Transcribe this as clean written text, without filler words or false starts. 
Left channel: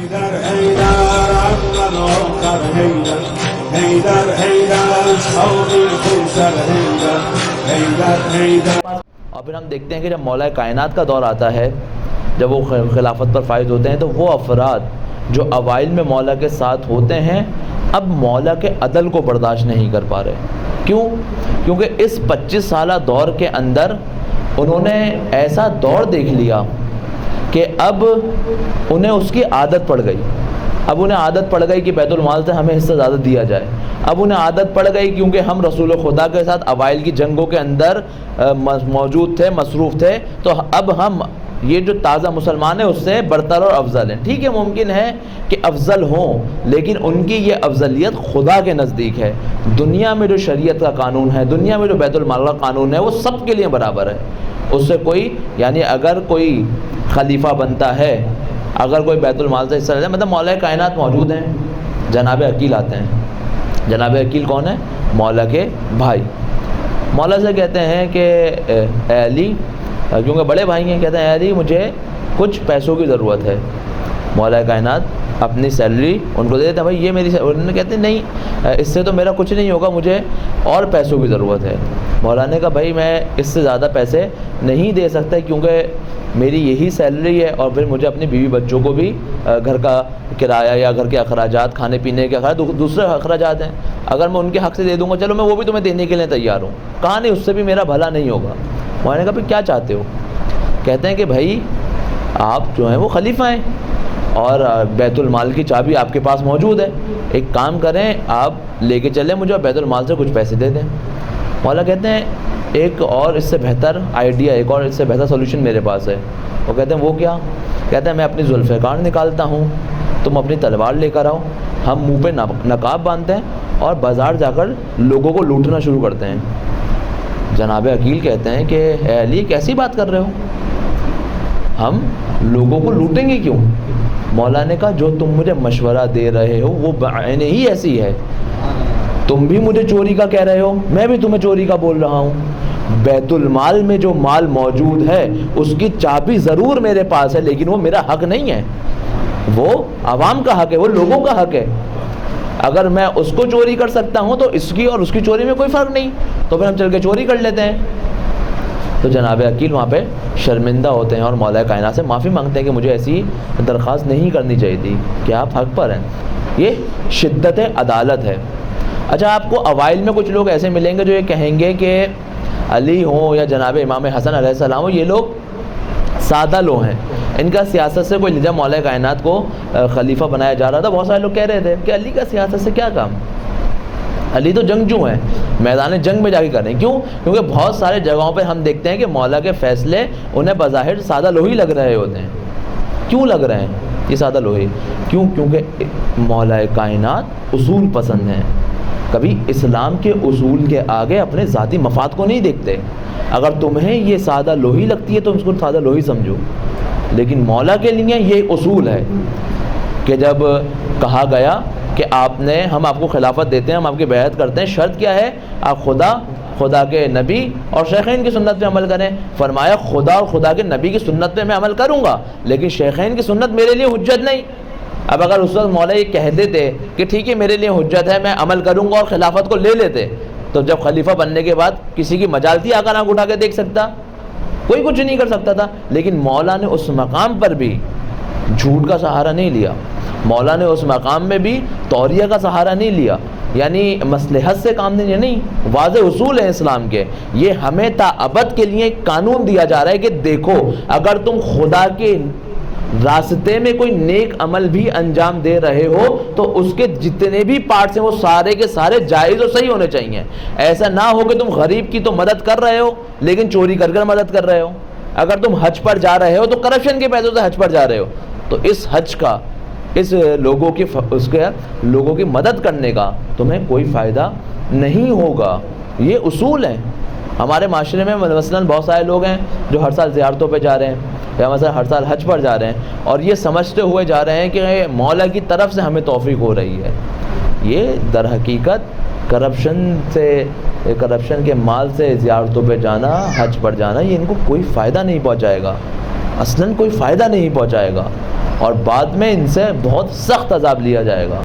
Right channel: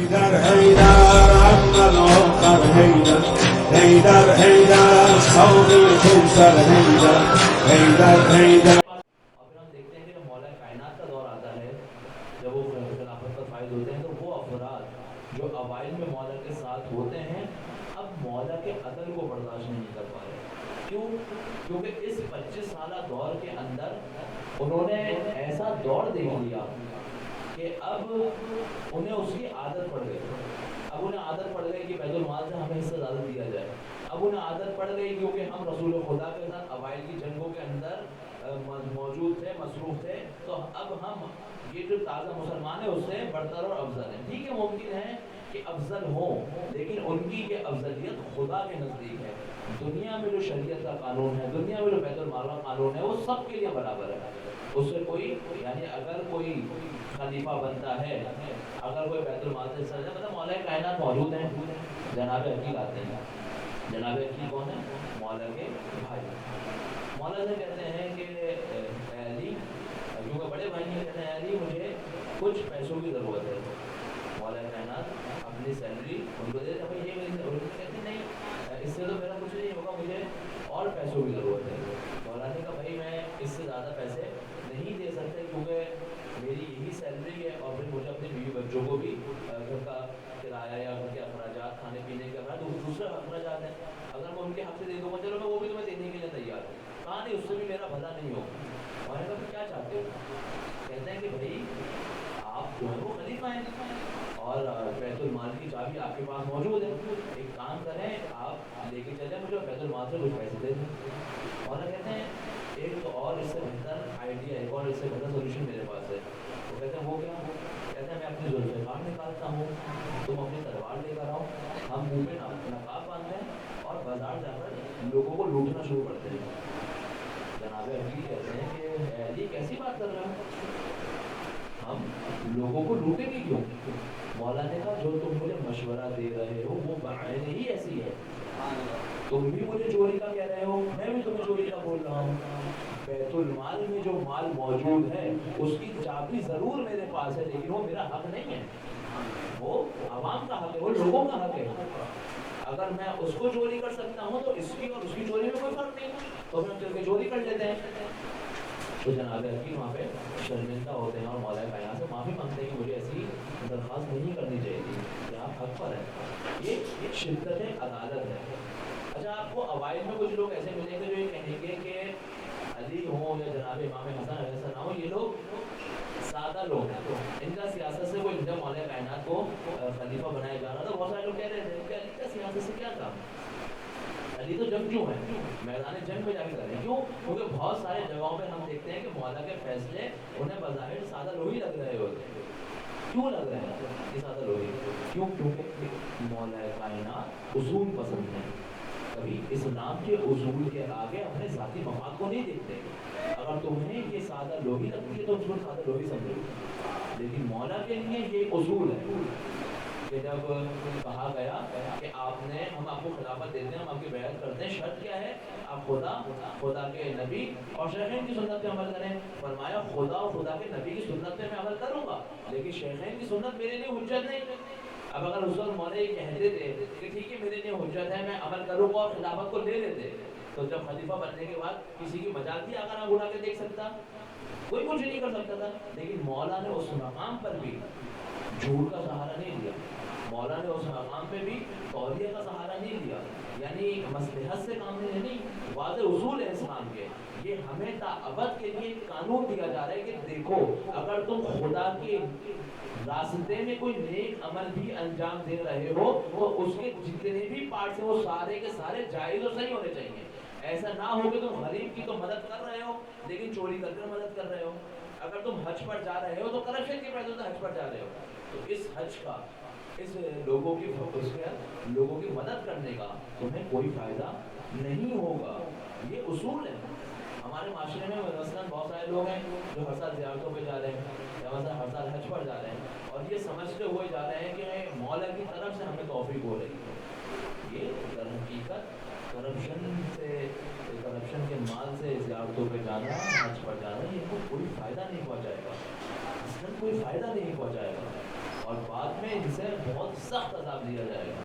حیدر حیدر عمل آخر حیدر حیدر حیدر شوق خوسر حیدر حیدر حیدر. اور پھر ہم دیکھتے ہیں کہ جب مولا کائنات کا دور آتا ہے، جب وہ خلافت پر فائز ہوتے ہیں، تو وہ افراد جو اوائل میں مولا کے ساتھ ہوتے ہیں اب مولا کے عدل کو برداشت نہیں کر پا رہے. کیوں؟ کیونکہ اس 25 سالہ دور کے اندر انہوں نے ایسا دور دیکھ لیا کہ اب انہیں اس کی عادت پڑ گئی. اب انہیں عادت پڑ گئی کہ بیت المال سے ہمیں حصہ زیادہ دیا جائے. اب انہیں عادت پڑ گئی کیونکہ ہم رسول خدا کے ساتھ اوائل کی جنگوں کے اندر موجود تھے، مصروف تھے، تو اب ہم یہ جو تازہ مسلمان ہیں اس سے برتر اور افضل ہیں. ٹھیک ہے، ممکن ہے کہ افضل ہوں، لیکن ان کی یہ افضلیت خدا کے نزدیک ہے. دنیا میں جو شریعت کا قانون ہے، دنیا میں جو بیت المال کا قانون ہے، وہ سب کے لیے برابر ہے. اس سے کوئی یعنی اگر کوئی خلیفہ بنتا ہے، اگر کوئی بیت المال سے حصہ لیتا ہے، مطلب مولا کائنات موجود ہیں، جناب عقیل آتے ہیں. جناب عقیل کون ہے؟ مولا کے بھائی. مولا سے کہتے ہیں کہ اے علی، کیونکہ بڑے بھائی ہیں، کہتے ہیں اے علی مجھے کچھ پیسوں کی ضرورت ہے. مولا کائنات اپنی سیلری ان کو دے دیتے ہیں، بھائی یہ میری انہوں نے کہتے ہیں نہیں، اس سے تو میرا کچھ نہیں ہوگا، مجھے اور پیسوں کی ضرورت ہے. مولا نے کہا بھائی میں اس سے زیادہ پیسے نہیں دے سکتا کیونکہ میری یہی سیلری ہے، اور پھر مجھے اپنی بیوی بچوں کو بھی گھر کا کرایہ یا گھر کے اخراجات، کھانے پینے کے اخراجات، دوسرے اخراجات ہیں، اگر میں ان کے حق سے دے دوں گا چلو میں وہ بھی تمہیں دینے کے لیے تیار ہوں. کہا نہیں، اس سے بھی میرا بھلا نہیں ہوگا. مولا نے کہا بھائی کیا چاہتے ہو؟ کہتے ہیں کہ بھائی آپ جو ہیں وہ خلیفہ ہیں اور بیت المال کی چابی آپ کے پاس موجود ہے، ایک کام کریں آپ لے کے چلیں مجھے اور بیت المال سے کچھ پیسے دے دیں. مولا کہتے ہیں ایک اور اس سے بہتر آئیڈیا، ایک اور اس سے بہتر سولوشن میرے پاس ہے. وہ کہتے ہیں وہ کیا؟ کہتے ہیں میں اپنی ذوالفقار نکالتا ہوں، تم اپنی تلوار لے کر آؤ، ہم منہ پہ نقاب باندھتے ہیں اور بازار جا کر لوگوں کو لوٹنا شروع کرتے ہیں. جناب عقیل کہتے ہیں کہ اے علی کیسی بات کر رہے ہو، ہم لوگوں کو لوٹیں گے کیوں؟ مولا نے کہا جو تم مجھے مشورہ دے رہے ہو وہ بعین ہی ایسی ہے. تم بھی مجھے چوری کا کہہ رہے ہو، میں بھی تمہیں چوری کا بول رہا ہوں. بیت المال میں جو مال موجود ہے اس کی چابی ضرور میرے پاس ہے، لیکن وہ میرا حق نہیں ہے، وہ عوام کا حق ہے، وہ لوگوں کا حق ہے. اگر میں اس کو چوری کر سکتا ہوں تو اس کی اور اس کی چوری میں کوئی فرق نہیں، تو پھر ہم چل کے چوری کر لیتے ہیں. تو جناب عقیل وہاں پہ شرمندہ ہوتے ہیں اور مولا کائنات سے معافی مانگتے ہیں کہ مجھے ایسی درخواست نہیں کرنی چاہیے تھی، کہ آپ حق پر ہیں. یہ شدت عدالت ہے. اچھا، آپ کو اوائل میں کچھ لوگ ایسے ملیں گے جو یہ کہیں گے کہ علی ہوں یا جناب امام حسن علیہ السلام ہوں، یہ لوگ سادہ لوگ ہیں، ان کا سیاست سے کوئی، جب مولا کائنات کو خلیفہ بنایا جا رہا تھا بہت سارے لوگ کہہ رہے تھے کہ علی کا سیاست سے کیا کام، علی تو جنگجو ہیں، میدان جنگ میں جا کے کریں. کیوں؟ کیونکہ بہت سارے جگہوں پہ ہم دیکھتے ہیں کہ مولا کے فیصلے انہیں بظاہر سادہ لوہی لگ رہے ہوتے ہیں. کیوں لگ رہے ہیں یہ سادہ لوہی؟ کیوں؟ کیونکہ مولا کائنات اصول پسند ہیں، کبھی اسلام کے اصول کے آگے اپنے ذاتی مفاد کو نہیں دیکھتے. اگر تمہیں یہ سادہ لوہی لگتی ہے تو اس کو سادہ لوہی سمجھو، لیکن مولا کے لیے یہ اصول ہے کہ جب کہا گیا کہ ہم آپ کو خلافت دیتے ہیں، ہم آپ کی بیعت کرتے ہیں، شرط کیا ہے؟ آپ خدا کے نبی اور شیخین کی سنت پہ عمل کریں. فرمایا خدا اور خدا کے نبی کی سنت پہ میں عمل کروں گا، لیکن شیخین کی سنت میرے لیے حجت نہیں. اب اگر اس وقت مولا یہ کہہ دیتے کہ ٹھیک ہے میرے لیے حجت ہے، میں عمل کروں گا اور خلافت کو لے لیتے، تو جب خلیفہ بننے کے بعد کسی کی مجال تھی آقا آنکھ اٹھا کے دیکھ سکتا؟ کوئی کچھ نہیں کر سکتا تھا. لیکن مولا نے اس مقام پر بھی جھوٹ کا سہارا نہیں لیا، مولا نے اس مقام میں بھی توریہ کا سہارا نہیں لیا، یعنی مصلحت سے کام نہیں. واضح اصول ہیں اسلام کے، یہ ہمیں تا ابد کے لیے ایک قانون دیا جا رہا ہے کہ دیکھو اگر تم خدا کے راستے میں کوئی نیک عمل بھی انجام دے رہے ہو تو اس کے جتنے بھی پارٹس ہیں وہ سارے کے سارے جائز اور صحیح ہونے چاہیے. ایسا نہ ہو کہ تم غریب کی تو مدد کر رہے ہو لیکن چوری کر کر مدد کر رہے ہو. اگر تم حج پر جا رہے ہو تو کرپشن کے پیسوں سے حج پر جا رہے ہو، تو اس حج کا، اس لوگوں کی مدد کرنے کا تمہیں کوئی فائدہ نہیں ہوگا. یہ اصول ہیں ہمارے معاشرے میں. مثلاً بہت سارے لوگ ہیں جو ہر سال زیارتوں پہ جا رہے ہیں یا مثلا ہر سال حج پر جا رہے ہیں اور یہ سمجھتے ہوئے جا رہے ہیں کہ مولا کی طرف سے ہمیں توفیق ہو رہی ہے. یہ در حقیقت کرپشن کے مال سے زیارتوں پہ جانا، حج پر جانا، یہ ان کو کوئی فائدہ نہیں پہنچائے گا، اصلاً کوئی فائدہ نہیں پہنچائے گا. اور بعد میں ان سے بہت سخت عذاب لیا جائے گا.